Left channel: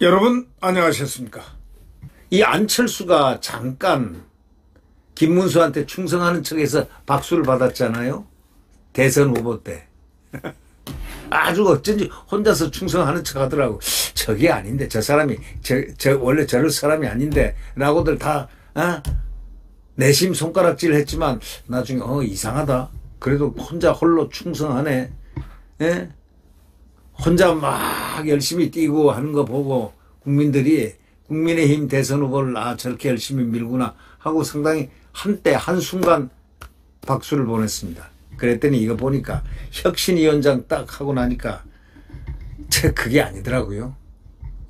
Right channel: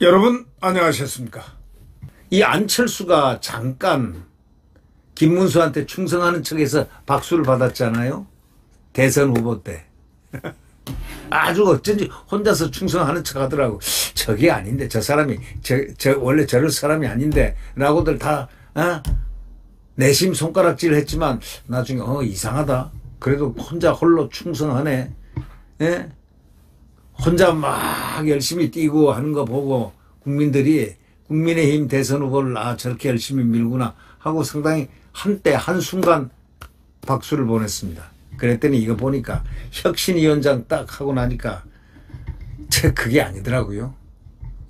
여러분 안녕하셨습니까? 이 안철수가 잠깐 김문수한테 충성하는 척해서 박수를 받았잖아요. 대선 후보 때. 아주 어쩐지 혼자서 충성하는 척 하더라고. 저게 아닌데, 저 사람이 원래 저럴 사람이 아닌데 라고들 다 내심 손가락질 했지만 나중에 이상하다. 그래도 혼자 홀로 충성하네. 예? 혼자 막 열심히 뛰고 하는 거 보고 국민들이 국민의힘 대선 후보를 저렇게 열심히 밀구나 하고 상당히 한순간 박수를 보냈습니다. 그랬더니 이거 보니까 혁신위원장 딱 하고 나니까 그게 아니더라고요.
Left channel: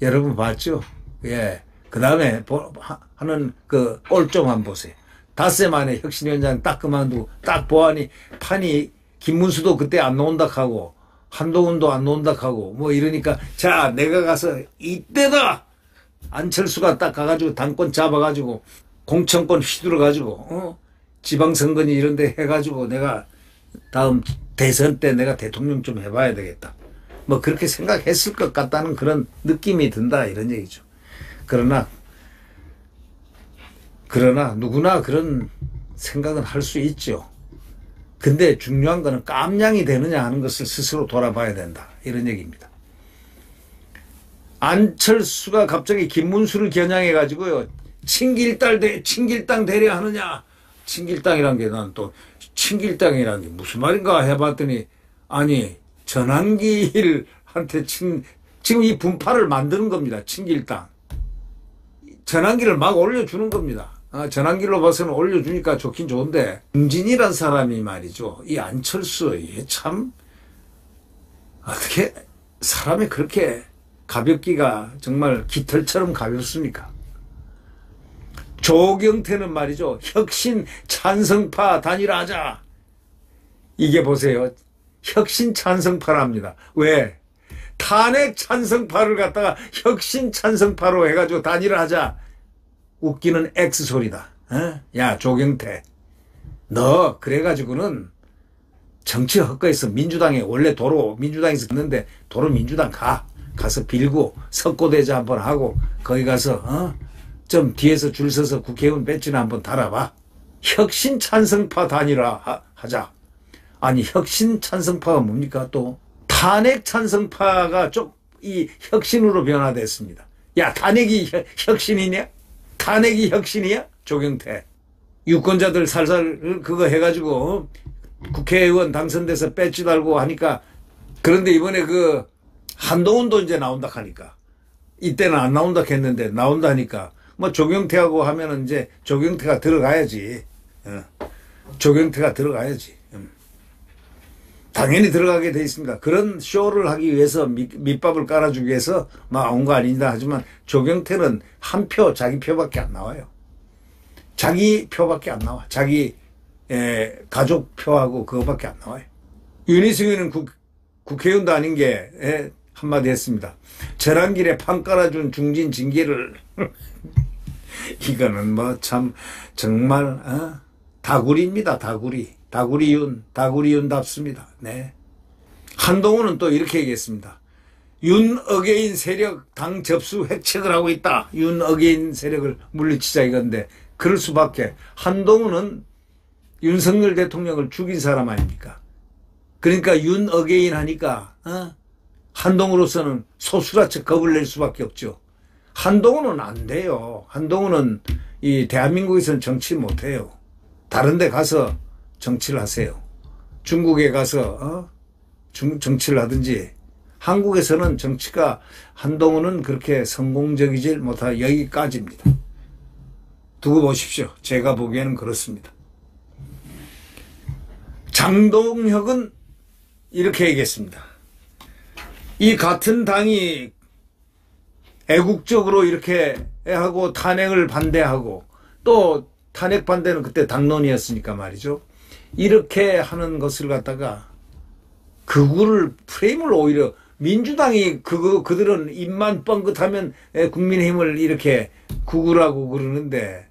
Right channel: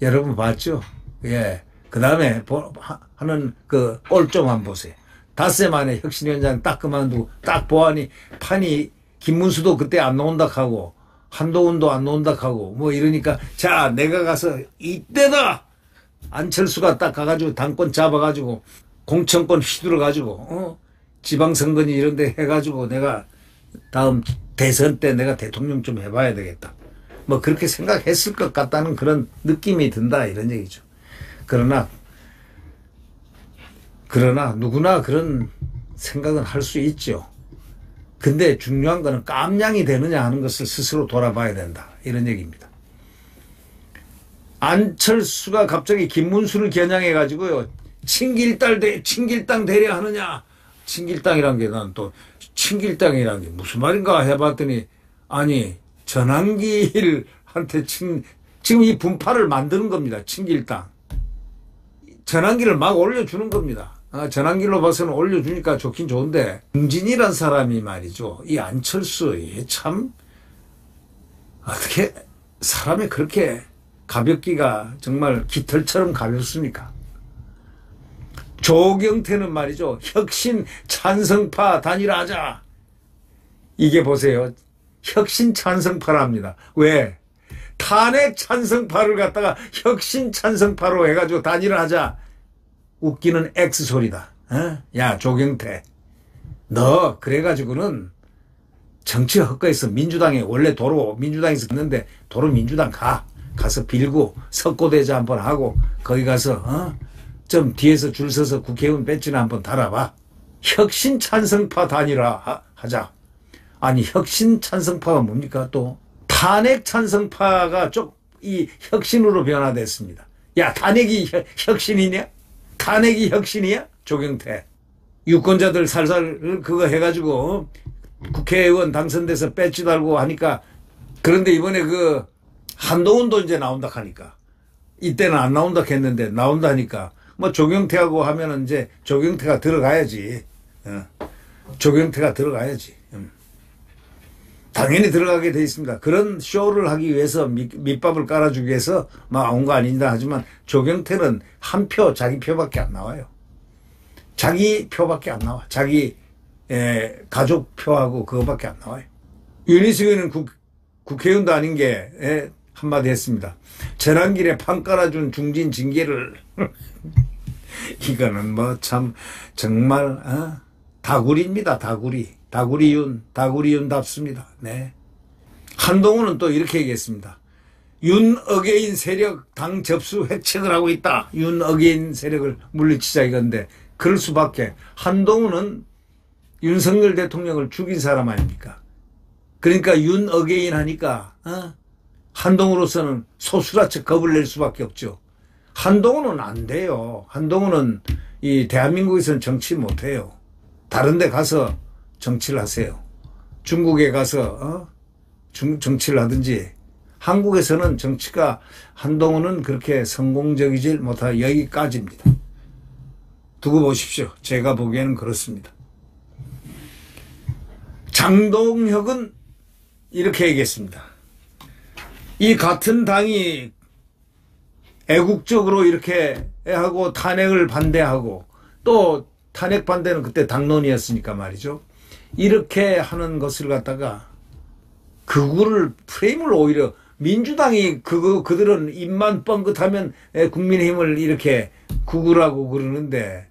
여러분 봤죠? 예. 그 다음에 하는 그 꼴 좀 한번 보세요. 닷새 만에 혁신위원장 딱 그만두고 딱 보아니 판이 김문수도 그때 안 나온다 하고 한동훈도 안 나온다 하고 뭐 이러니까 자 내가 가서 이때다 안철수가 딱 가가지고 당권 잡아가지고 공천권 휘둘러가지고 지방선거니 이런 데 해가지고 내가 다음 대선 때 내가 대통령 좀 해봐야 되겠다. 뭐 그렇게 생각했을 것 같다는 그런 느낌이 든다 이런 얘기죠. 그러나 누구나 그런 생각은 할 수 있죠. 근데 중요한 거는 깜냥이 되느냐 하는 것을 스스로 돌아봐야 된다. 이런 얘기입니다. 안철수가 갑자기 김문수를 겨냥해가지고요. 친길당 대려 하느냐. 친길당이란 게 난 또 친길당이란 게 무슨 말인가 해봤더니 아니 전환길한테 지금 이 분파를 만드는 겁니다. 친길당. 전환길을 막 올려주는 겁니다. 전환길로 봐서는 올려주니까 좋긴 좋은데 김진이란 사람이 말이죠. 이 안철수 참 어떻게 사람이 그렇게 가볍기가 정말 깃털처럼 가볍습니까? 조경태는 말이죠. 혁신 찬성파 단일화하자. 이게 보세요. 혁신 찬성파랍니다. 왜? 탄핵 찬성파를 갖다가 혁신 찬성파로 해가지고 단일화하자. 웃기는 X소리다. 야 조경태 너 그래가지고는 정치 헛거에서 민주당에 원래 도로 민주당에서 있는데 도로 민주당 가서 빌고 석고대자 한번 하고 거기 가서 좀 뒤에서 줄 서서 국회의원 배지나 한번 달아봐. 혁신 찬성파 단일화 하자. 아니 혁신 찬성파가 뭡니까? 또 탄핵 찬성파가 이 혁신으로 변화됐습니다. 야 탄핵이 혁신이냐? 탄핵이 혁신이야? 조경태. 유권자들 살살 그거 해가지고 국회의원 당선돼서 배지 달고 하니까 그런데 이번에 그 한동훈도 이제 나온다 하니까 이때는 안 나온다 했는데 나온다 하니까 뭐 조경태하고 하면은 이제 조경태가 들어가야지. 조경태가 들어가야지. 당연히 들어가게 돼 있습니다. 그런 쇼를 하기 위해서 밑밥을 깔아주기 위해서 막 온 거 아니다 하지만 조경태는 한 표, 자기 표밖에 안 나와요. 자기 표밖에 안 나와. 자기 가족 표하고 그거밖에 안 나와요. 윤희숙이는 국회의원도 아닌 게 한마디 했습니다. 전환길에 판 깔아준 중진 징계를 이거는 뭐 참 정말 다구리입니다. 다구리윤답습니다. 네. 한동훈은 또 이렇게 얘기했습니다. 윤어게인 세력 당 접수 획책을 하고 있다. 윤어게인 세력을 물리치자 이건데 그럴 수밖에. 한동훈은 윤석열 대통령을 죽인 사람 아닙니까? 그러니까 윤어게인 하니까 한동훈으로서는 소수라측 겁을 낼 수밖에 없죠. 한동훈은 안 돼요. 한동훈은 이 대한민국에서는 정치 못해요. 다른 데 가서 정치를 하세요. 중국에 가서 정치를 하든지. 한국에서는 정치가 한동훈은 그렇게 성공적이질 못하 여기까지입니다. 두고 보십시오. 제가 보기에는 그렇습니다. 장동혁은 이렇게 얘기했습니다. 이 같은 당이 애국적으로 이렇게 하고 탄핵을 반대하고 또 탄핵 반대는 그때 당론이었으니까 말이죠. 이렇게 하는 것을 갖다가 극우를 프레임을 오히려 민주당이 그들은 입만 뻥긋하면 국민의힘을 이렇게 극우라고 그러는데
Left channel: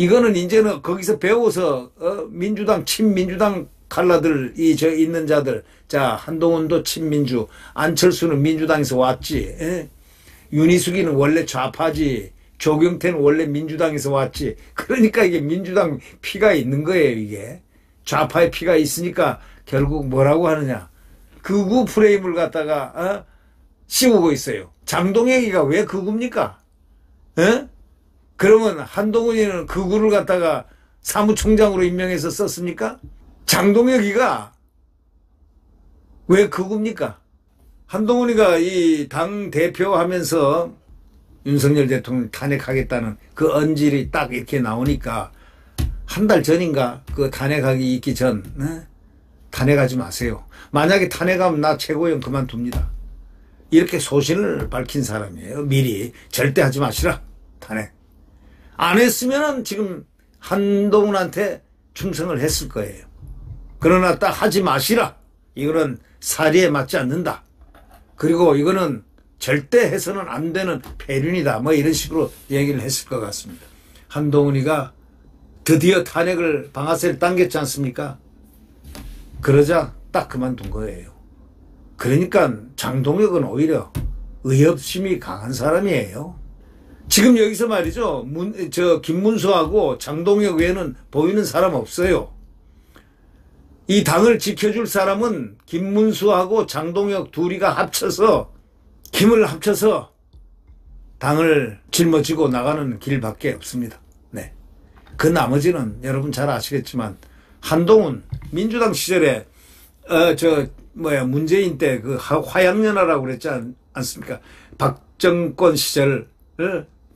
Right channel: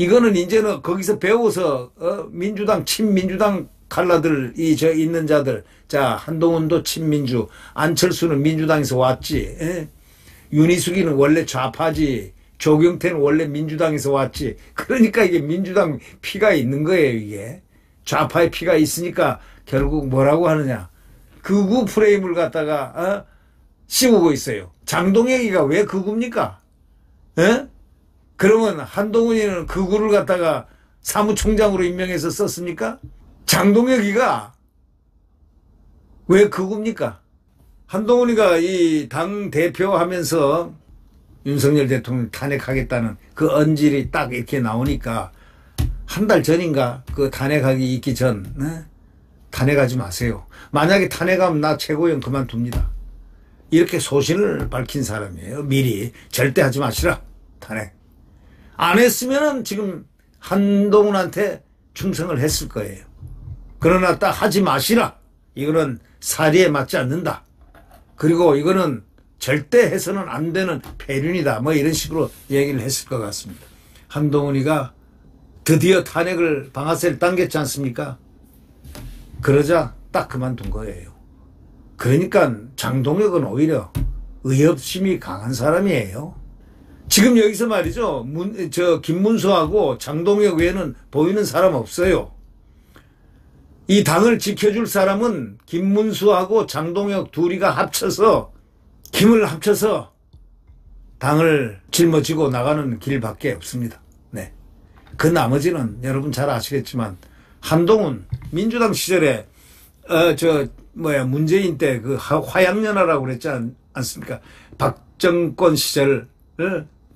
이거는 이제는 거기서 배워서 민주당 친민주당 칼라들 있는 자들, 자 한동훈도 친민주, 안철수는 민주당에서 왔지, 윤희숙이는 원래 좌파지, 조경태는 원래 민주당에서 왔지. 그러니까 이게 민주당 피가 있는 거예요. 이게 좌파의 피가 있으니까 결국 뭐라고 하느냐, 극우 프레임을 갖다가 씌우고 있어요. 장동혁이가 왜 극우입니까? 그러면 한동훈이는 극우를 갖다가 사무총장으로 임명해서 썼습니까? 장동혁이가 왜 극우입니까? 한동훈이가 이 당 대표 하면서 윤석열 대통령 탄핵하겠다는 그 언질이 딱 이렇게 나오니까 한 달 전인가 그 탄핵하기 있기 전 탄핵하지 마세요. 만약에 탄핵하면 나 최고위원 그만둡니다. 이렇게 소신을 밝힌 사람이에요. 미리 절대 하지 마시라. 탄핵. 안 했으면은 지금 한동훈한테 충성을 했을 거예요. 그러나 딱 하지 마시라. 이거는 사리에 맞지 않는다. 그리고 이거는 절대 해서는 안 되는 폐륜이다. 뭐 이런 식으로 얘기를 했을 것 같습니다. 한동훈이가 드디어 탄핵을 방아쇠를 당겼지 않습니까? 그러자 딱 그만둔 거예요. 그러니까 장동혁은 오히려 의협심이 강한 사람이에요. 지금 여기서 말이죠. 김문수하고 장동혁 외에는 보이는 사람 없어요. 이 당을 지켜줄 사람은 김문수하고 장동혁 둘이가 합쳐서 힘을 합쳐서 당을 짊어지고 나가는 길밖에 없습니다. 네. 그 나머지는 여러분 잘 아시겠지만 한동훈 민주당 시절에 문재인 때 그 화양연화라고 그랬지 않습니까? 박정권 시절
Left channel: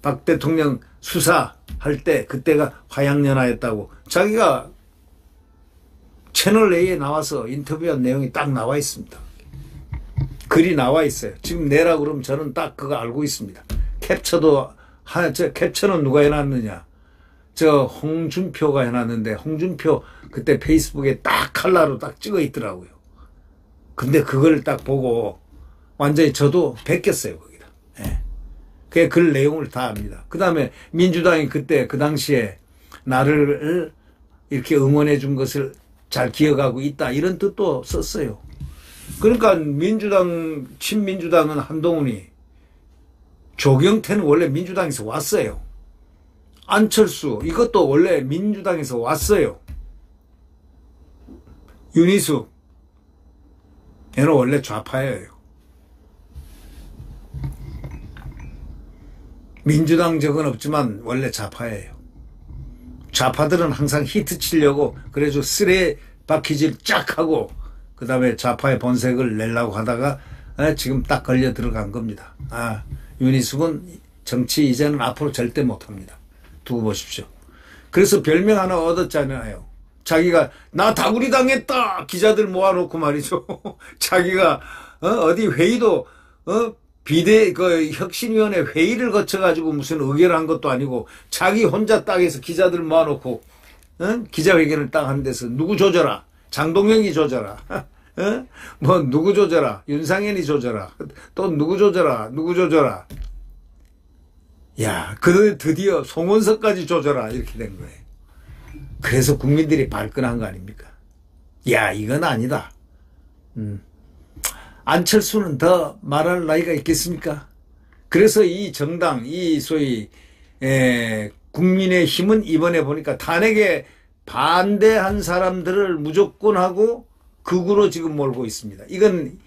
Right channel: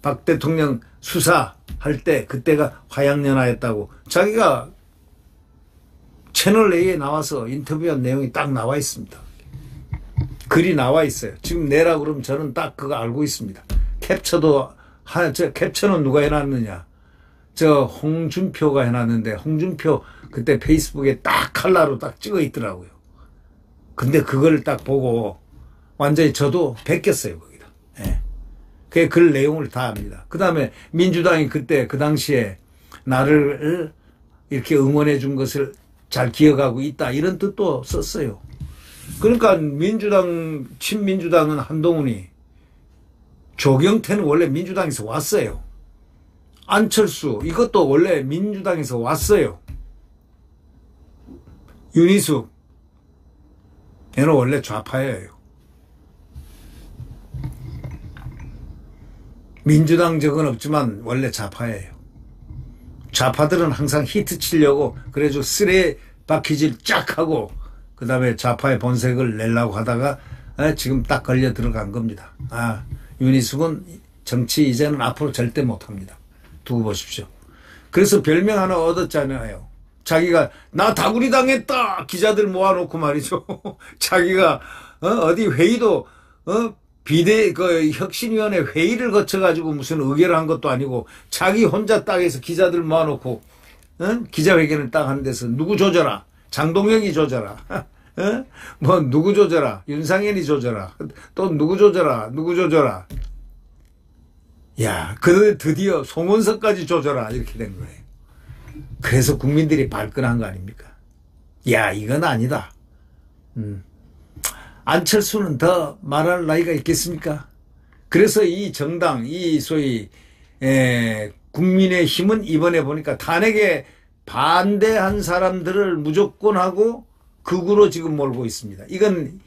박 대통령 수사할 때 그때가 화양연화였다고 자기가 채널 A에 나와서 인터뷰한 내용이 딱 나와 있습니다. 글이 나와 있어요. 지금 내라 그러면 저는 딱 그거 알고 있습니다. 캡처는 누가 해놨느냐? 저 홍준표가 해놨는데 홍준표 그때 페이스북에 딱 칼라로 딱 찍어 있더라고요. 근데 그걸 딱 보고 완전히 저도 베꼈어요. 거기다. 예. 그 글 내용을 다 압니다. 그 다음에 민주당이 그때 그 당시에 나를 이렇게 응원해 준 것을 잘 기억하고 있다. 이런 뜻도 썼어요. 그러니까 친민주당은 한동훈이, 조경태는 원래 민주당에서 왔어요. 안철수 이것도 원래 민주당에서 왔어요. 윤희숙 얘는 원래 좌파예요. 민주당 적은 없지만 원래 좌파예요. 좌파들은 항상 히트 치려고 그래서 쓰레 바퀴질 쫙 하고 그 다음에 좌파의 본색을 내려고 하다가 지금 딱 걸려 들어간 겁니다. 윤희숙은 정치 이제는 앞으로 절대 못합니다. 두고 보십시오. 그래서 별명 하나 얻었잖아요. 자기가 나 다구리 당했다 기자들 모아놓고 말이죠. 자기가 어디 회의도 혁신위원회 회의를 거쳐가지고 무슨 의결을 한 것도 아니고 자기 혼자 딱에서 기자들 모아놓고 기자회견을 딱 하는 데서 누구 조져라, 장동혁이 조져라, 뭐 누구 조져라, 윤상현이 조져라, 또 누구 조져라, 누구 조져라. 야, 그 드디어 송원석까지 조져라 이렇게 된 거예요. 그래서 국민들이 발끈한 거 아닙니까? 야, 이건 아니다. 안철수는 더 말할 나이가 있겠습니까? 그래서 이 정당, 이 소위 국민의힘은 이번에 보니까 탄핵에 반대한 사람들을 무조건 하고 극우로 지금 몰고 있습니다. 이건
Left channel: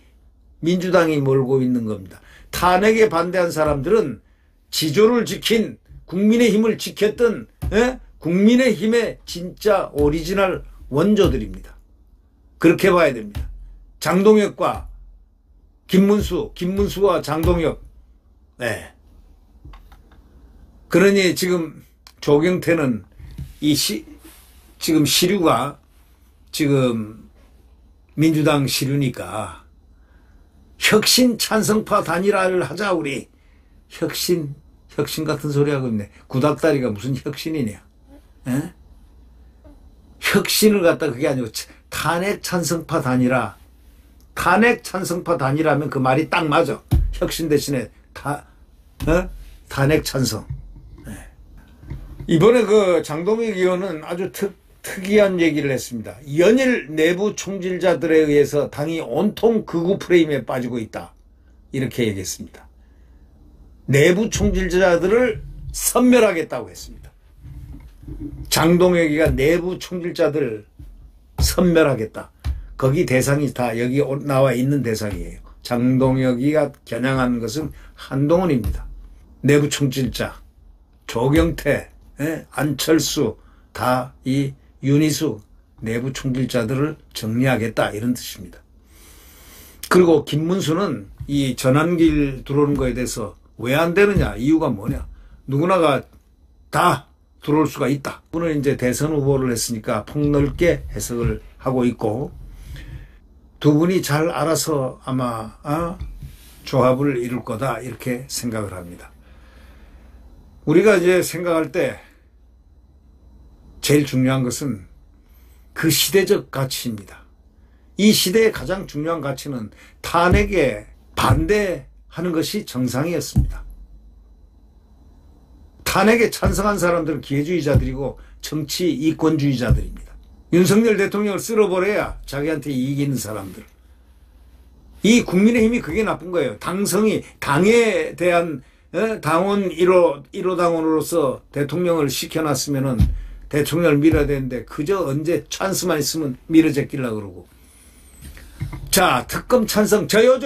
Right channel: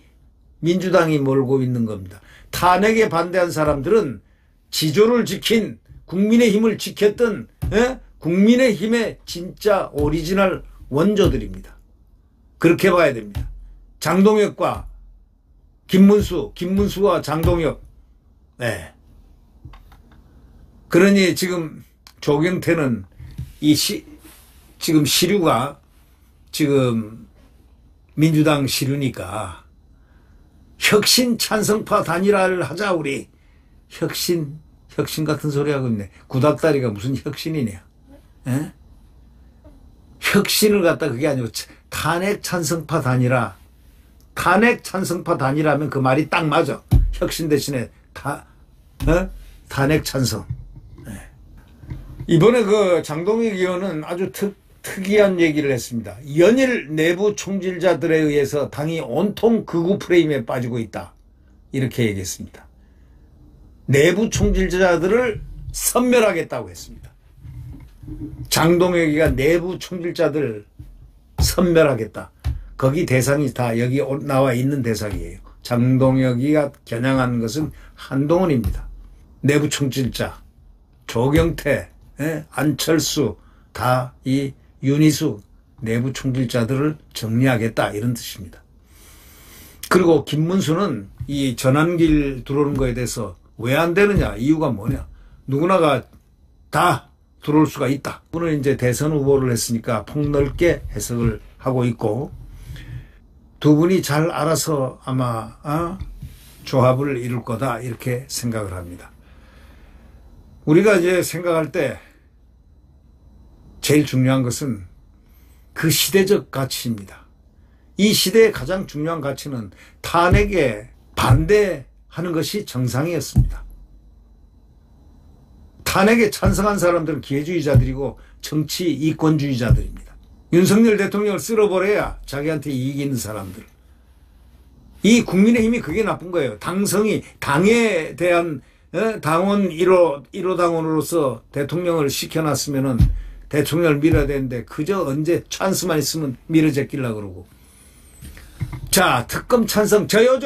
민주당이 몰고 있는 겁니다. 탄핵에 반대한 사람들은 지조를 지킨, 국민의힘을 지켰던 국민의힘의 진짜 오리지널 원조들입니다. 그렇게 봐야 됩니다. 장동혁과 김문수와 장동혁. 네. 그러니 지금 조경태는 지금 시류가 지금 민주당 시류니까 혁신 찬성파 단일화를 하자 우리. 혁신 같은 소리 하고 있네. 구닥다리가 무슨 혁신이냐. 에? 혁신을 갖다 그게 아니고 탄핵 찬성파 단일화. 탄핵 찬성파 단일화면 그 말이 딱 맞아. 혁신 대신에 탄핵 찬성. 네. 이번에 그 장동혁 의원은 아주 특이한 얘기를 했습니다. 연일 내부 총질자들에 의해서 당이 온통 극우 프레임에 빠지고 있다. 이렇게 얘기했습니다. 내부 총질자들을 섬멸하겠다고 했습니다. 장동혁이가 내부 총질자들 섬멸하겠다. 거기 대상이 다 여기 나와 있는 대상이에요. 장동혁이가 겨냥하는 것은 한동훈입니다. 내부 총질자, 조경태, 안철수, 다 이 윤희숙 내부 총질자들을 정리하겠다 이런 뜻입니다. 그리고 김문수는 이 전환길 들어오는 거에 대해서 왜 안 되느냐, 이유가 뭐냐, 누구나가 다 들어올 수가 있다. 오늘 이제 대선 후보를 했으니까 폭넓게 해석을 하고 있고, 두 분이 잘 알아서 아마 조합을 이룰 거다 이렇게 생각을 합니다. 우리가 이제 생각할 때 제일 중요한 것은 그 시대적 가치입니다. 이 시대의 가장 중요한 가치는 탄핵에 반대하는 것이 정상이었습니다. 탄핵에 찬성한 사람들은 기회주의자들이고 정치 이권주의자들입니다. 윤석열 대통령을 쓸어버려야 자기한테 이익이 있는 사람들. 이 국민의힘이 그게 나쁜 거예요. 당성이 당에 대한 당원 1호 당원으로서 대통령을 시켜놨으면은 대통령을 밀어야 되는데 그저 언제 찬스만 있으면 밀어제끼려고 그러고. 자, 특검 찬성 저요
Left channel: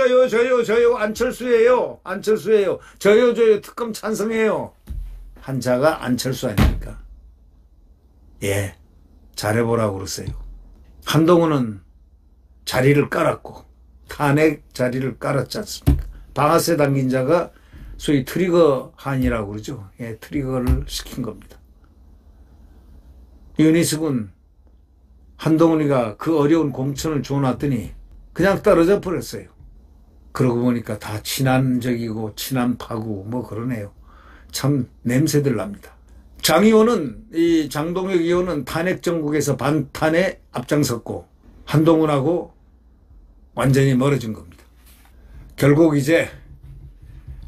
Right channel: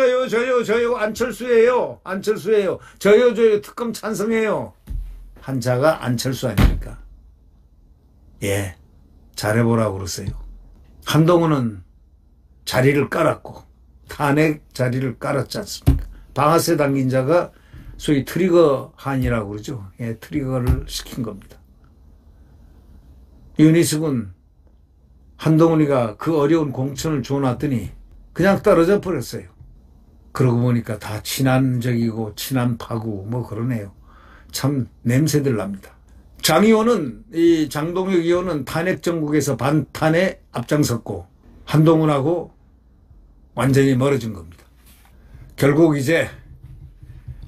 안철수예요. 저요 특검 찬성해요. 한자가 안철수 아닙니까? 예, 잘해보라고 그러세요. 한동훈은 자리를 깔았고 탄핵 자리를 깔았지 않습니까? 방아쇠 당긴 자가 소위 트리거 한이라고 그러죠. 예, 트리거를 시킨 겁니다. 윤희숙은 한동훈이가 그 어려운 공천을 줘놨더니 그냥 떨어져 버렸어요. 그러고 보니까 다 친한적이고 친한 파고 뭐 그러네요. 참 냄새들 납니다. 장 의원은, 이 장동혁 의원은 탄핵 정국에서 반탄에 앞장섰고 한동훈하고 완전히 멀어진 겁니다. 결국 이제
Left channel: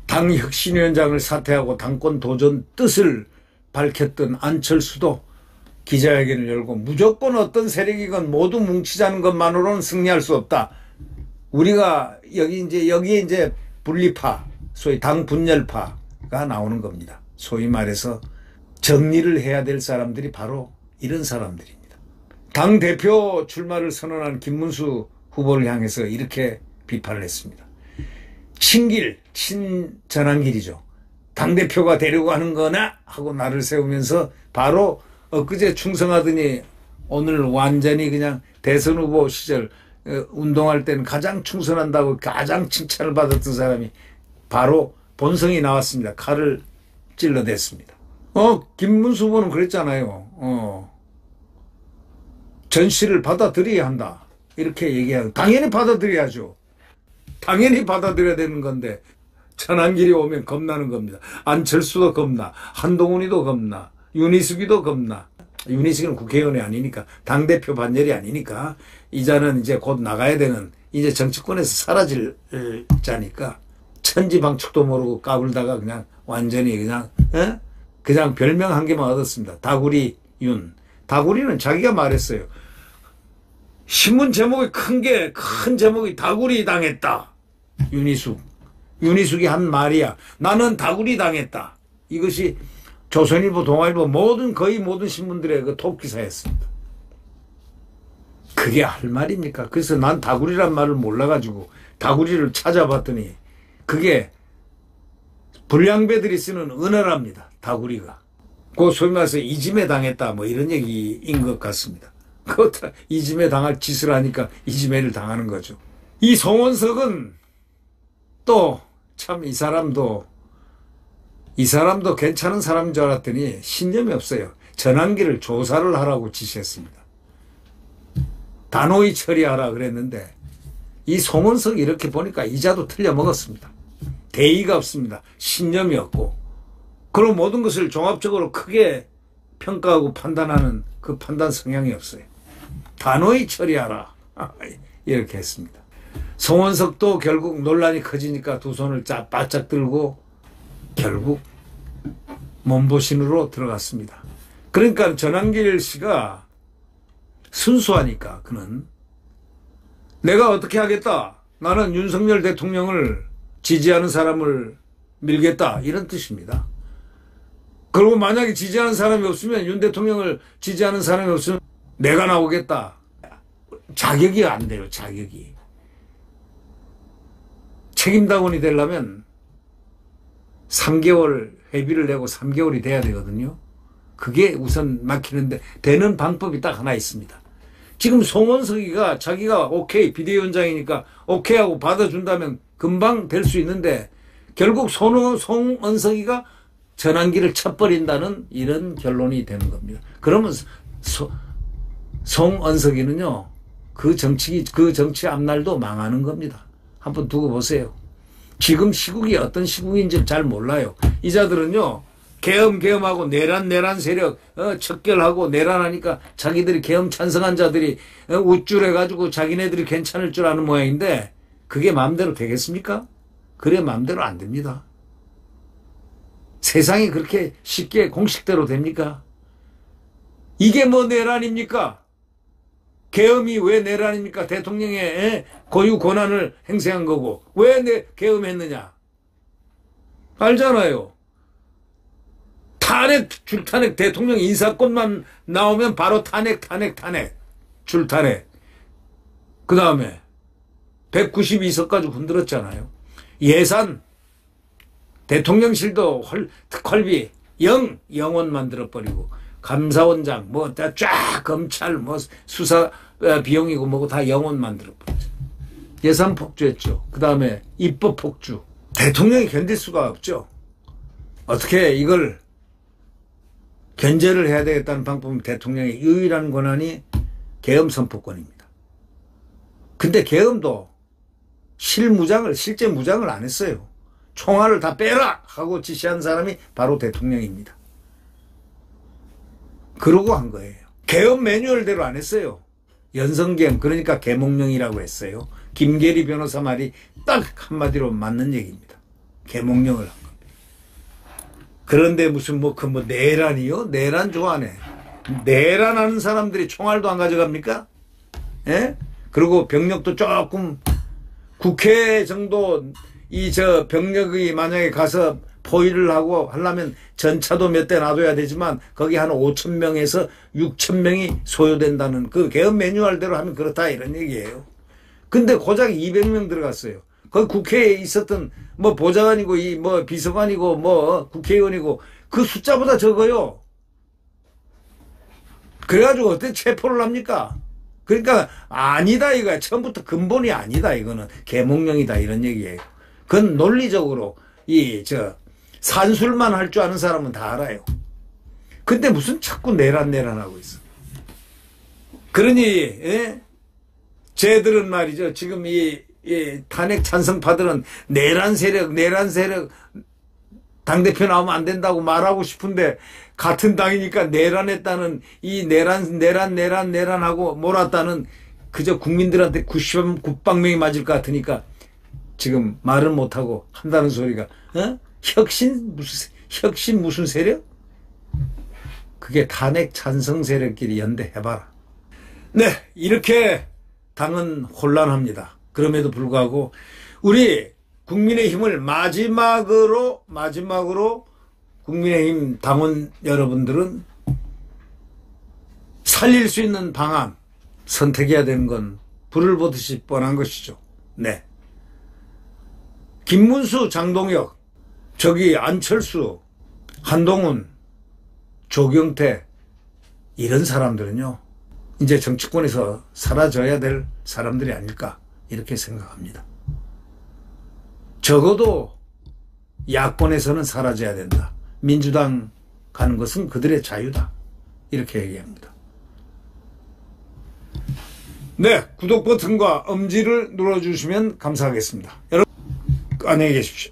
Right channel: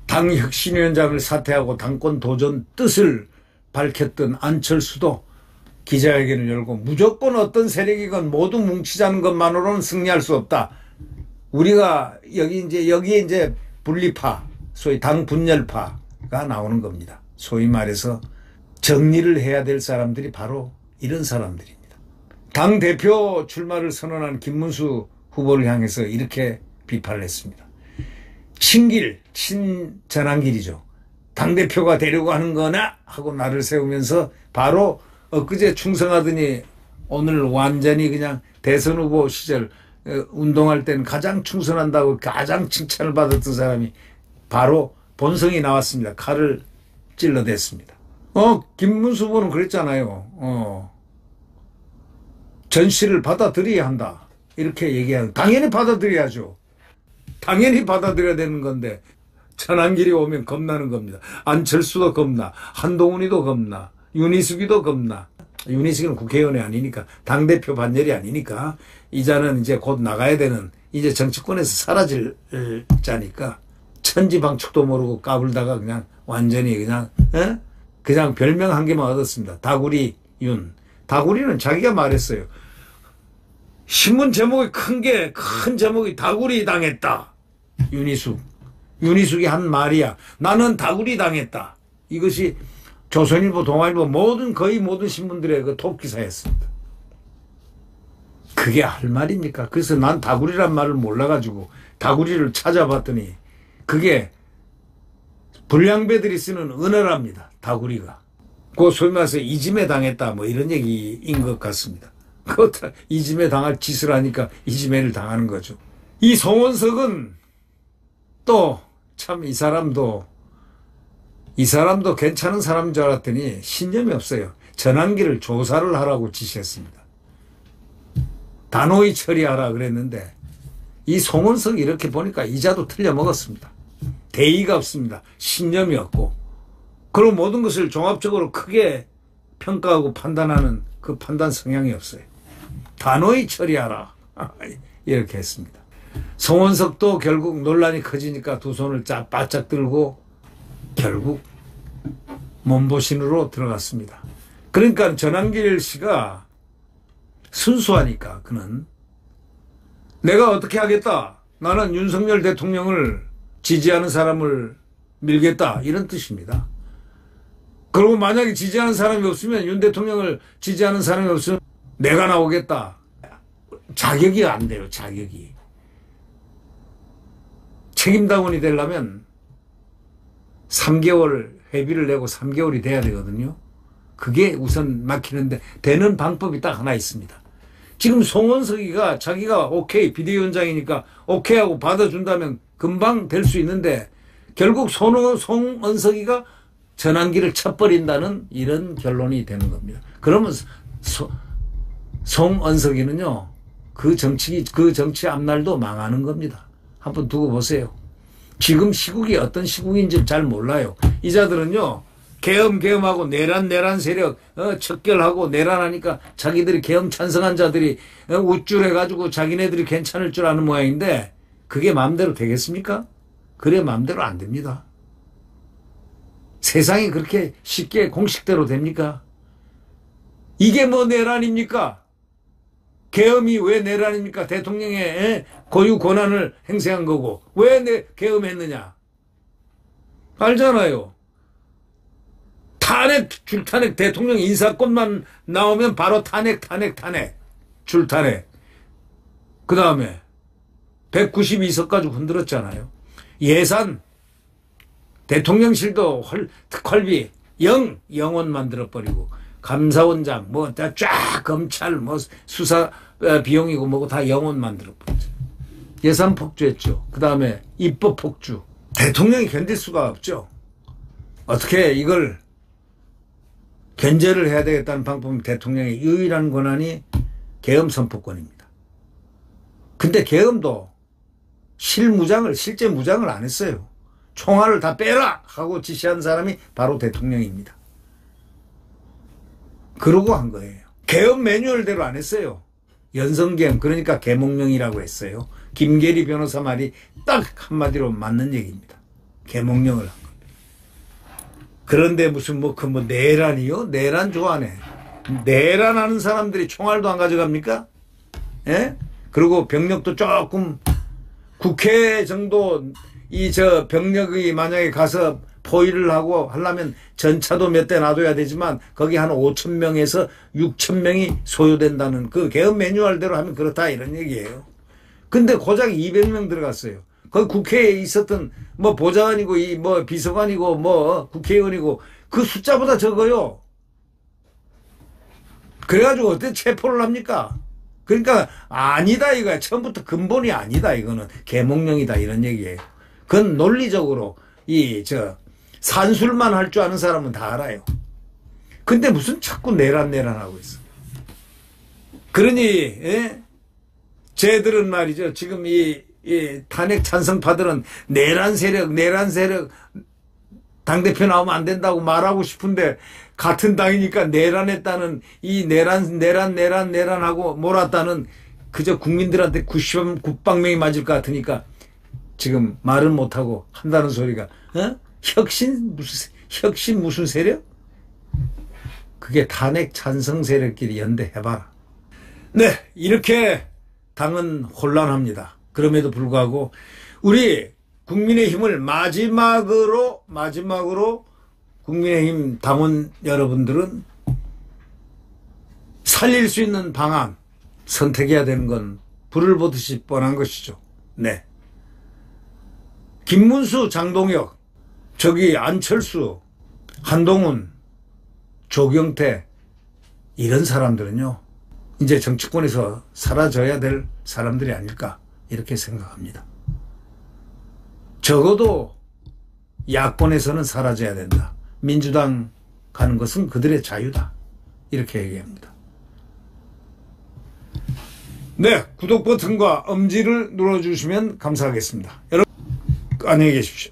당 혁신위원장을 사퇴하고 당권 도전 뜻을 밝혔던 안철수도 기자회견을 열고 무조건 어떤 세력이건 모두 뭉치자는 것만으로는 승리할 수 없다. 우리가 여기에 이제 분리파, 소위 당 분열파가 나오는 겁니다. 소위 말해서 정리를 해야 될 사람들이 바로 이런 사람들입니다. 당 대표 출마를 선언한 김문수 후보를 향해서 이렇게 비판을 했습니다. 친전환길이죠. 당대표가 되려고 하는 거나 하고 나를 세우면서 바로 엊그제 충성하더니 오늘 완전히 그냥 대선 후보 시절 운동할 때는 가장 충성한다고 가장 칭찬을 받았던 사람이 바로 본성이 나왔습니다. 칼을 찔러댔습니다. 김문수 후보는 그랬잖아요. 전시를 받아들여야 한다. 이렇게 얘기하는, 당연히 받아들여야죠. 당연히 받아들여야 되는 건데 전환길이 오면 겁나는 겁니다. 안철수도 겁나, 한동훈이도 겁나, 윤희숙이도 겁나. 윤희숙은 국회의원이 아니니까, 당대표 반열이 아니니까, 이자는 이제 곧 나가야 되는, 이제 정치권에서 사라질 자니까 천지방축도 모르고 까불다가 그냥 완전히 그냥 별명 한 개만 얻었습니다. 다구리 윤. 다구리는 자기가 말했어요. 신문 제목이 큰 제목이 다구리 당했다. 윤희숙이 한 말이야. 나는 다구리 당했다. 이것이 조선일보, 동아일보 거의 모든 신문들의 그 톱기사였습니다. 그게 할 말입니까? 그래서 난 다구리란 말을 몰라가지고 다구리를 찾아봤더니 그게 불량배들이 쓰는 은어랍니다. 다구리가. 그 소위 말해서 이짐에 당했다 뭐 이런 얘기인 것 같습니다. 이짐에 당할 짓을 하니까 이짐에를 당하는 거죠. 이 송원석은 또 참 이 사람도 괜찮은 사람인 줄 알았더니 신념이 없어요. 전환기를 조사를 하라고 지시했습니다. 단호히 처리하라 그랬는데 이 송원석이 이렇게 보니까 이자도 틀려먹었습니다. 대의가 없습니다. 신념이 없고. 그리고 모든 것을 종합적으로 크게 평가하고 판단하는 그 판단 성향이 없어요. 단호히 처리하라. 이렇게 했습니다. 송원석도 결국 논란이 커지니까 두 손을 바짝 들고 결국 몸보신으로 들어갔습니다. 그러니까 전한길 씨가 순수하니까 그는 내가 어떻게 하겠다. 나는 윤석열 대통령을 지지하는 사람을 밀겠다. 이런 뜻입니다. 그리고 만약에 지지하는 사람이 없으면 윤 대통령을 지지하는 사람이 없으면 내가 나오겠다. 자격이 안 돼요. 자격이. 책임당원이 되려면 3개월 회비를 내고 3개월이 돼야 되거든요. 그게 우선 막히는데 되는 방법이 딱 하나 있습니다. 지금 송원석이가 자기가 오케이 비대위원장이니까 오케이 하고 받아준다면 금방 될 수 있는데 결국 송원석이가 전환기를 쳐버린다는 이런 결론이 되는 겁니다. 그러면 송원석이는요 그 정치 앞날도 망하는 겁니다. 한번 두고 보세요. 지금 시국이 어떤 시국인지 잘 몰라요. 이자들은요 계엄하고 내란 세력 척결하고 내란하니까 자기들이 계엄 찬성한 자들이 우쭐해가지고 자기네들이 괜찮을 줄 아는 모양인데 그게 마음대로 되겠습니까? 그래 마음대로 안 됩니다. 세상이 그렇게 쉽게 공식대로 됩니까? 이게 뭐 내란입니까? 계엄이 왜 내란입니까? 대통령의 고유 권한을 행사한 거고 왜 계엄했느냐? 알잖아요. 줄탄핵 대통령 인사권만 나오면 바로 탄핵 줄탄핵. 그 다음에 192석까지 흔들었잖아요. 예산 대통령실도 특활비 0원 만들어버리고 감사원장 쫙 검찰 수사 비용이고 뭐고 다 0원 만들어버렸죠. 예산 폭주했죠. 그 다음에 입법 폭주. 대통령이 견딜 수가 없죠. 어떻게 이걸 견제를 해야 되겠다는 방법은 대통령의 유일한 권한이 계엄 선포권입니다. 근데 계엄도 실제 무장을 안 했어요. 총알을 다 빼라 하고 지시한 사람이 바로 대통령입니다. 그러고 한 거예요. 계엄 매뉴얼대로 안 했어요. 연성계엄 그러니까 계몽령이라고 했어요. 김계리 변호사 말이 딱 한마디로 맞는 얘기입니다. 계몽령을 한 겁니다. 그런데 무슨 내란이요? 내란 좋아하네. 내란하는 사람들이 총알도 안 가져갑니까? 예? 그리고 병력도 조금 국회 정도 병력이 만약에 가서 포위를 하고 하려면 전차도 몇 대 놔둬야 되지만 거기 한 5,000명에서 6,000명이 소요된다는 그 계엄 매뉴얼대로 하면 그렇다 이런 얘기예요. 근데 고작 200명 들어갔어요. 거기 국회에 있었던 보좌관이고 비서관이고 국회의원이고 그 숫자보다 적어요. 그래가지고 어떻게 체포를 합니까? 그러니까 아니다 이거야. 처음부터 근본이 아니다 이거는 계몽령이다 이런 얘기예요. 그건 논리적으로 산술만 할 줄 아는 사람은 다 알아요. 근데 무슨 자꾸 내란하고 있어. 그러니 쟤들은 말이죠. 지금 이 탄핵 찬성파들은 내란 세력 당대표 나오면 안 된다고 말하고 싶은데 같은 당이니까 내란했다는 이 내란하고 몰았다는 그저 국민들한테 99방명이 맞을 것 같으니까 지금 말은 못하고 한다는 소리가 혁신 무슨 세력? 그게 탄핵 찬성 세력끼리 연대해봐라. 네, 이렇게 당은 혼란합니다. 그럼에도 불구하고 우리 국민의힘을 마지막으로 국민의힘 당원 여러분들은 살릴 수 있는 방안 선택해야 되는 건 불을 보듯이 뻔한 것이죠. 네. 김문수, 장동혁, 안철수, 한동훈, 조경태 이런 사람들은요. 이제 정치권에서 사라져야 될 사람들이 아닐까 이렇게 생각합니다. 적어도 야권에서는 사라져야 된다. 민주당 가는 것은 그들의 자유다. 이렇게 얘기합니다. 네, 구독 버튼과 엄지를 눌러주시면 감사하겠습니다. 여러분 안녕히 계십시오.